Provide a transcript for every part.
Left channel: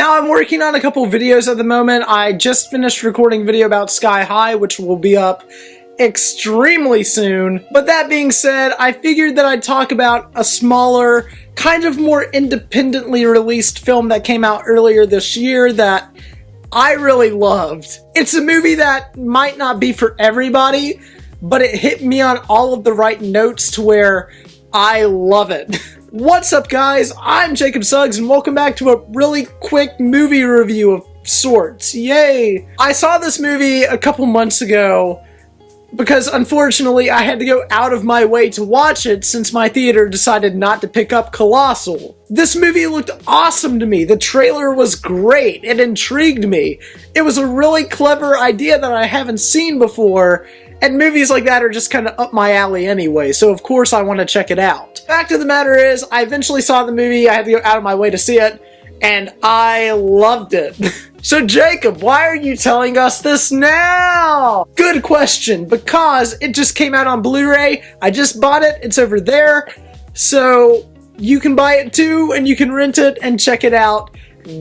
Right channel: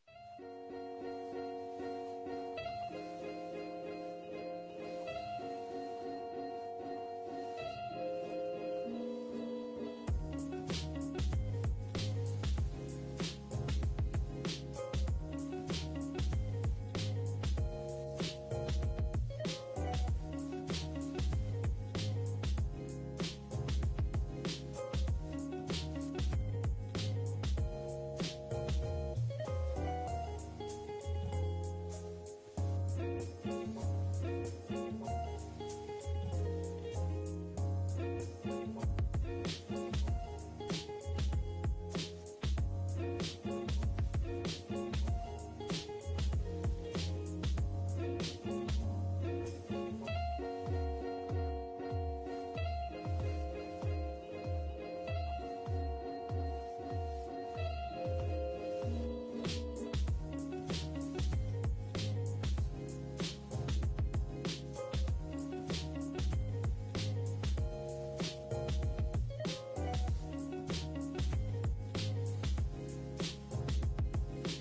Now I'm working on a couple videos at the moment. I just finished recording a video about Sky High, which will be up extremely soon. But that being said, I figured that I'd talk about a smaller, kind of more independently released film that came out earlier this year that I really loved. It's a movie that might not be for everybody, but it hit me on all of the right notes to where I love it. What's up, guys? I'm Jacob Suggs, and welcome back to a really quick movie review of sorts. Yay! I saw this movie a couple months ago because unfortunately I had to go out of my way to watch it since my theater decided not to pick up Colossal. This movie looked awesome to me. The trailer was great. It intrigued me. It was a really clever idea that I haven't seen before, and movies like that are just kind of up my alley anyway, so of course I want to check it out. Fact of the matter is, I eventually saw the movie, I had to go out of my way to see it, and I loved it. So Jacob, why are you telling us this now? Good question, because it just came out on Blu-ray, I just bought it, it's over there, so you can buy it too, and you can rent it and check it out.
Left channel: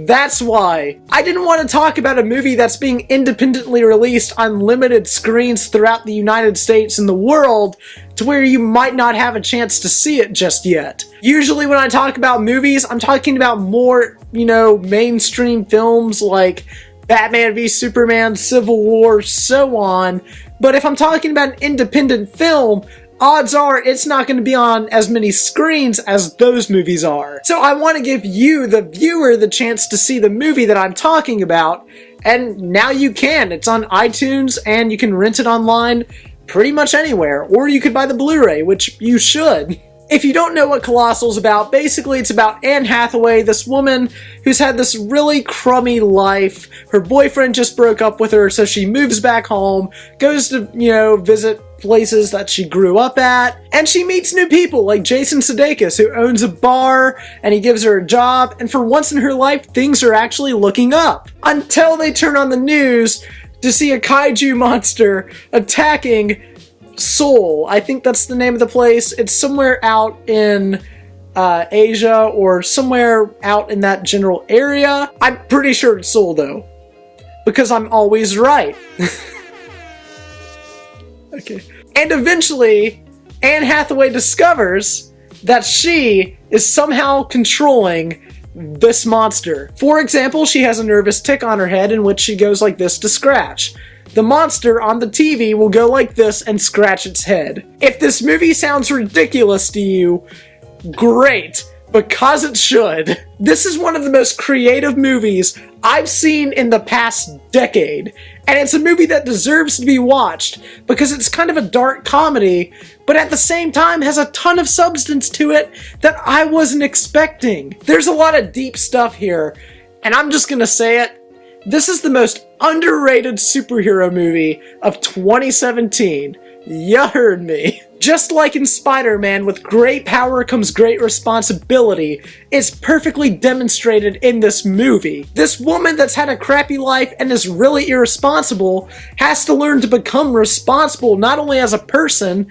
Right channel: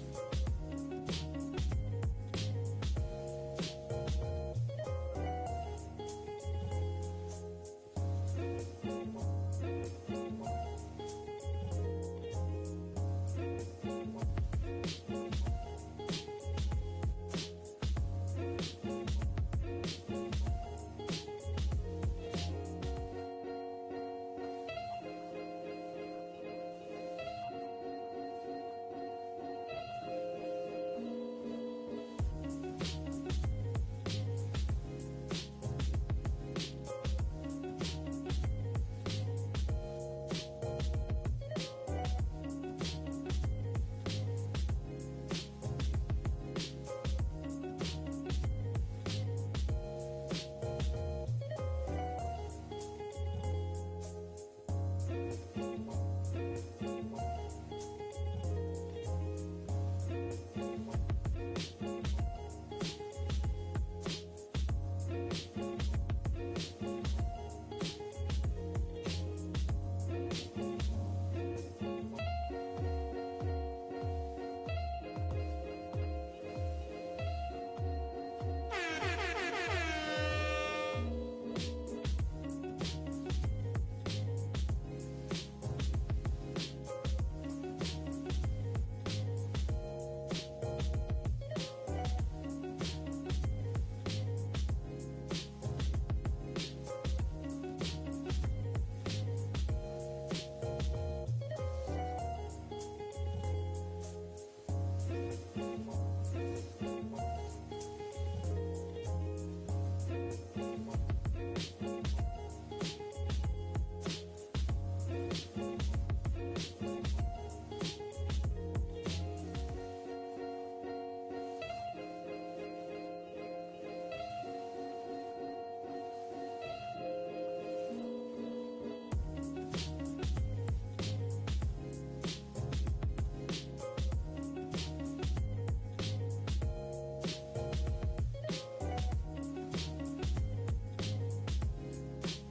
That's why. I didn't want to talk about a movie that's being independently released on limited screens throughout the United States and the world to where you might not have a chance to see it just yet. Usually when I talk about movies, I'm talking about more, mainstream films like Batman v Superman, Civil War, so on. But if I'm talking about an independent film, odds are it's not going to be on as many screens as those movies are. So I want to give you, the viewer, the chance to see the movie that I'm talking about, and now you can. It's on iTunes, and you can rent it online pretty much anywhere, or you could buy the Blu-ray, which you should. If you don't know what Colossal's about, basically it's about Anne Hathaway, this woman who's had this really crummy life. Her boyfriend just broke up with her, so she moves back home, goes to, visit places that she grew up at, and she meets new people like Jason Sudeikis, who owns a bar, and he gives her a job, and for once in her life, things are actually looking up. Until they turn on the news to see a kaiju monster attacking Seoul. I think that's the name of the place. It's somewhere out in Asia or somewhere out in that general area. I'm pretty sure it's Seoul though, because I'm always right. Okay. And eventually, Anne Hathaway discovers that she is somehow controlling this monster. For example, she has a nervous tick on her head in which she goes like this to scratch. The monster on the TV will go like this and scratch its head. If this movie sounds ridiculous to you, great, because it should. This is one of the most creative movies I've seen in the past decade, and it's a movie that deserves to be watched because it's kind of a dark comedy, but at the same time has a ton of substance to it that I wasn't expecting. There's a lot of deep stuff here, and I'm just gonna say it. This is the most underrated superhero movie of 2017. You heard me. Just like in Spider-Man, with great power comes great responsibility, it's perfectly demonstrated in this movie. This woman that's had a crappy life and is really irresponsible has to learn to become responsible not only as a person,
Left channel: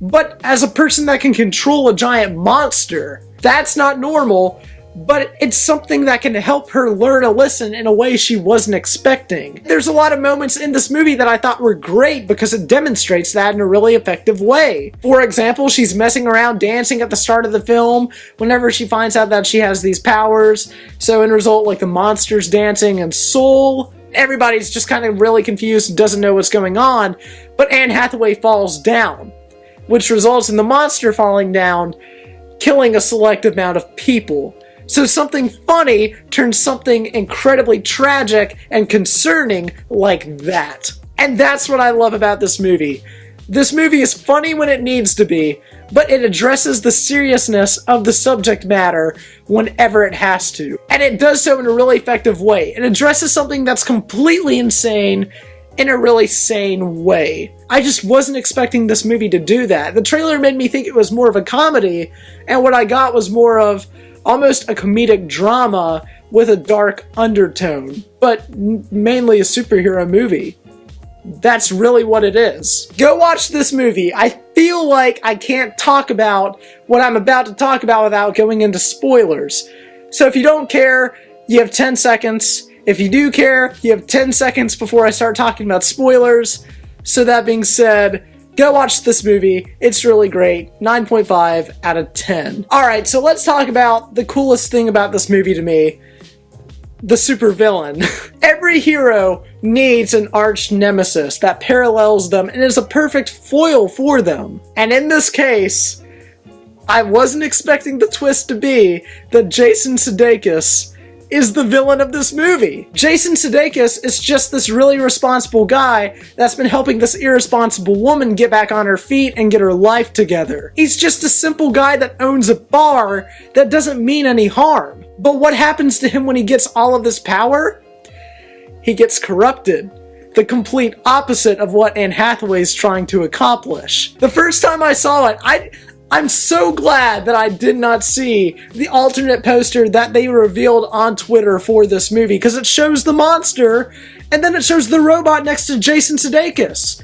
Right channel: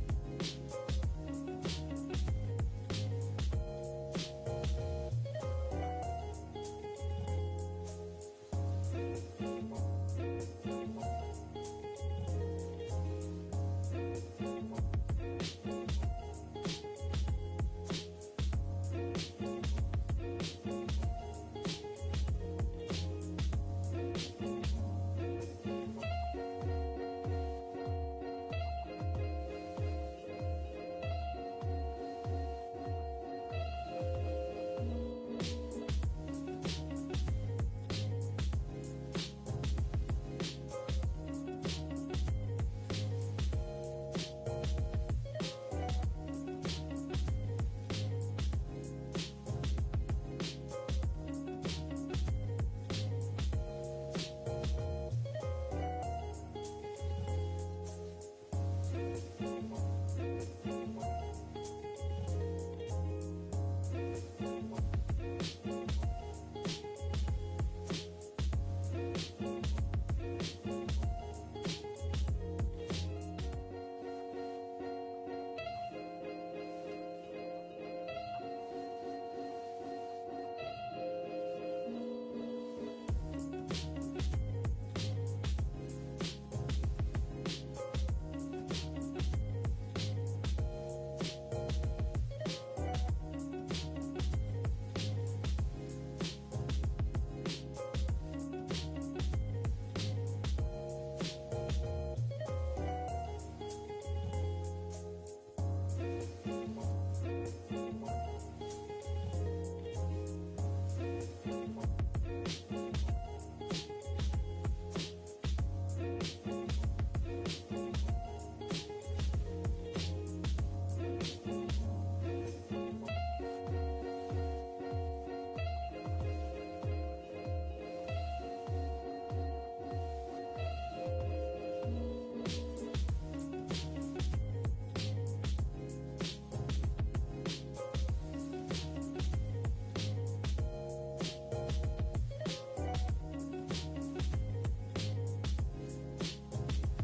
but as a person that can control a giant monster. That's not normal, but it's something that can help her learn a lesson in a way she wasn't expecting. There's a lot of moments in this movie that I thought were great because it demonstrates that in a really effective way. For example, she's messing around dancing at the start of the film whenever she finds out that she has these powers. So in result, like the monster's dancing in Seoul, everybody's just kind of really confused and doesn't know what's going on, but Anne Hathaway falls down, which results in the monster falling down, killing a select amount of people. So something funny turns something incredibly tragic and concerning like that. And that's what I love about this movie. This movie is funny when it needs to be, but it addresses the seriousness of the subject matter whenever it has to. And it does so in a really effective way. It addresses something that's completely insane in a really sane way. I just wasn't expecting this movie to do that. The trailer made me think it was more of a comedy, and what I got was more of almost a comedic drama with a dark undertone, but mainly a superhero movie. That's really what it is. Go watch this movie. I feel like I can't talk about what I'm about to talk about without going into spoilers. So if you don't care, you have 10 seconds. If you do care, you have 10 seconds before I start talking about spoilers. So that being said, go watch this movie. It's really great. 9.5 out of 10. Alright, so let's talk about the coolest thing about this movie to me. The supervillain. Every hero needs an arch nemesis that parallels them and is a perfect foil for them. And in this case, I wasn't expecting the twist to be that Jason Sudeikis is the villain of this movie. Jason Sudeikis is just this really responsible guy that's been helping this irresponsible woman get back on her feet and get her life together. He's just a simple guy that owns a bar that doesn't mean any harm. But what happens to him when he gets all of this power? He gets corrupted. The complete opposite of what Anne Hathaway is trying to accomplish. The first time I saw it, I'm so glad that I did not see the alternate poster that they revealed on Twitter for this movie, because it shows the monster, and then it shows the robot next to Jason Sudeikis.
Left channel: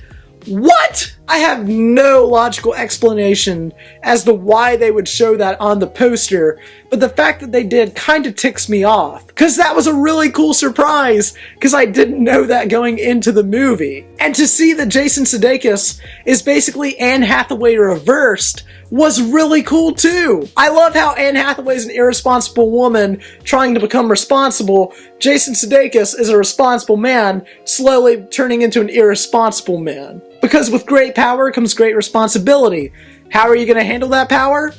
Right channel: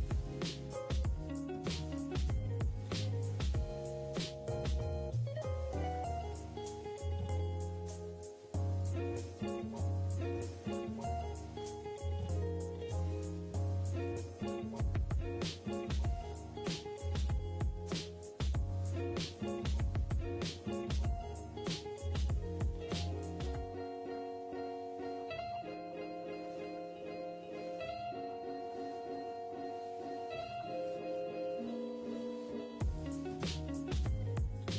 What? I have no logical explanation as to why they would show that on the poster, but the fact that they did kind of ticks me off, because that was a really cool surprise, because I didn't know that going into the movie. And to see that Jason Sudeikis is basically Anne Hathaway reversed was really cool too. I love how Anne Hathaway is an irresponsible woman trying to become responsible. Jason Sudeikis is a responsible man slowly turning into an irresponsible man. Because with great power comes great responsibility. How are you going to handle that power?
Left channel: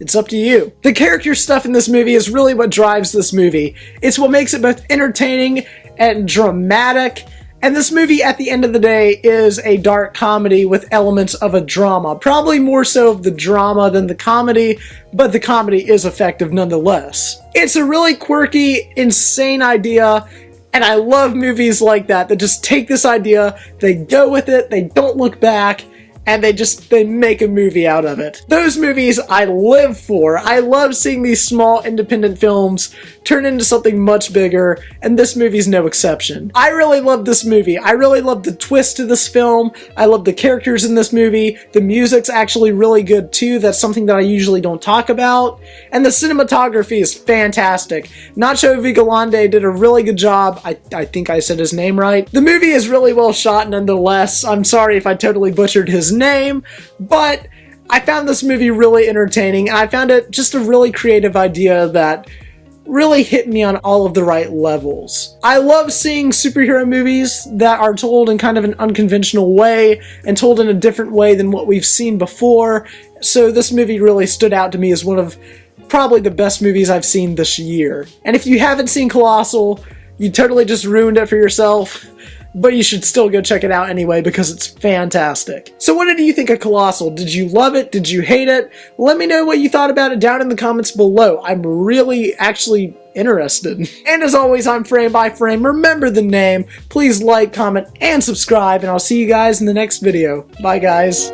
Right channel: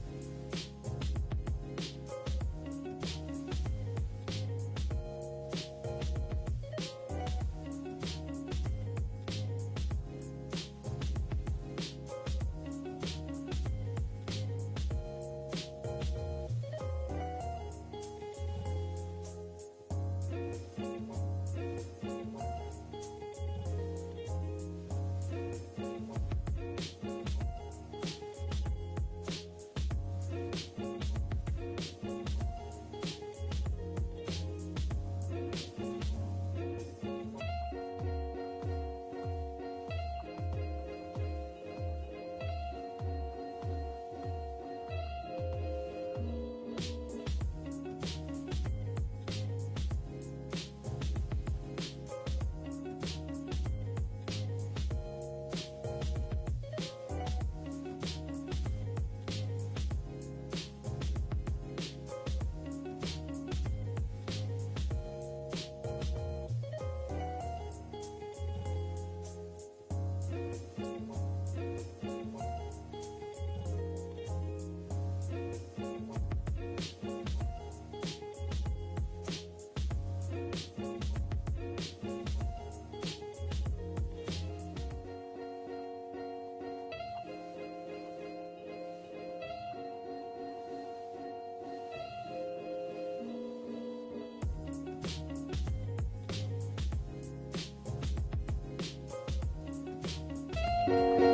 It's up to you. The character stuff in this movie is really what drives this movie. It's what makes it both entertaining and dramatic. And this movie, at the end of the day, is a dark comedy with elements of a drama. Probably more so of the drama than the comedy, but the comedy is effective nonetheless. It's a really quirky, insane idea, and I love movies like that just take this idea, they go with it, they don't look back, and they make a movie out of it. Those movies I live for. I love seeing these small independent films turn into something much bigger, and this movie's no exception. I really love this movie. I really love the twist to this film. I love the characters in this movie. The music's actually really good too. That's something that I usually don't talk about. And the cinematography is fantastic. Nacho Vigilante did a really good job. I think I said his name right. The movie is really well shot nonetheless. I'm sorry if I totally butchered his name, but I found this movie really entertaining, and I found it just a really creative idea that really hit me on all of the right levels. I love seeing superhero movies that are told in kind of an unconventional way and told in a different way than what we've seen before, so this movie really stood out to me as one of probably the best movies I've seen this year. And if you haven't seen Colossal, you totally just ruined it for yourself. But you should still go check it out anyway because it's fantastic. So what did you think of Colossal? Did you love it? Did you hate it? Let me know what you thought about it down in the comments below. I'm really actually interested. And as always, I'm FrameByFrame. Remember the name. Please like, comment, and subscribe, and I'll see you guys in the next video. Bye, guys.